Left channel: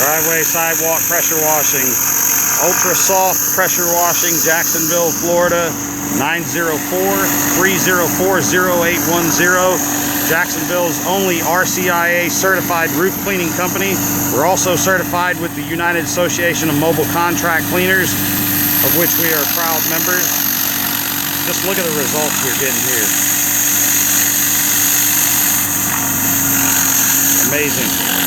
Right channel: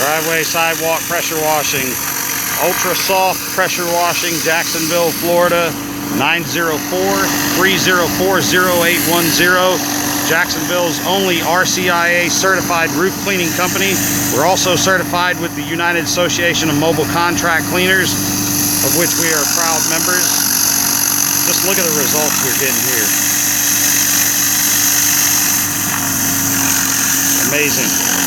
Driveway sidewalk pressure washing. Ultra soft pressure washing, Jacksonville, Florida, 904-304-0810. Jacksonville's only RCIA certified roof cleaning company. We're also certified with the United Association of Mobile Contract Cleaners, of which we are proud members. Just look at the results we're getting here. Amazing.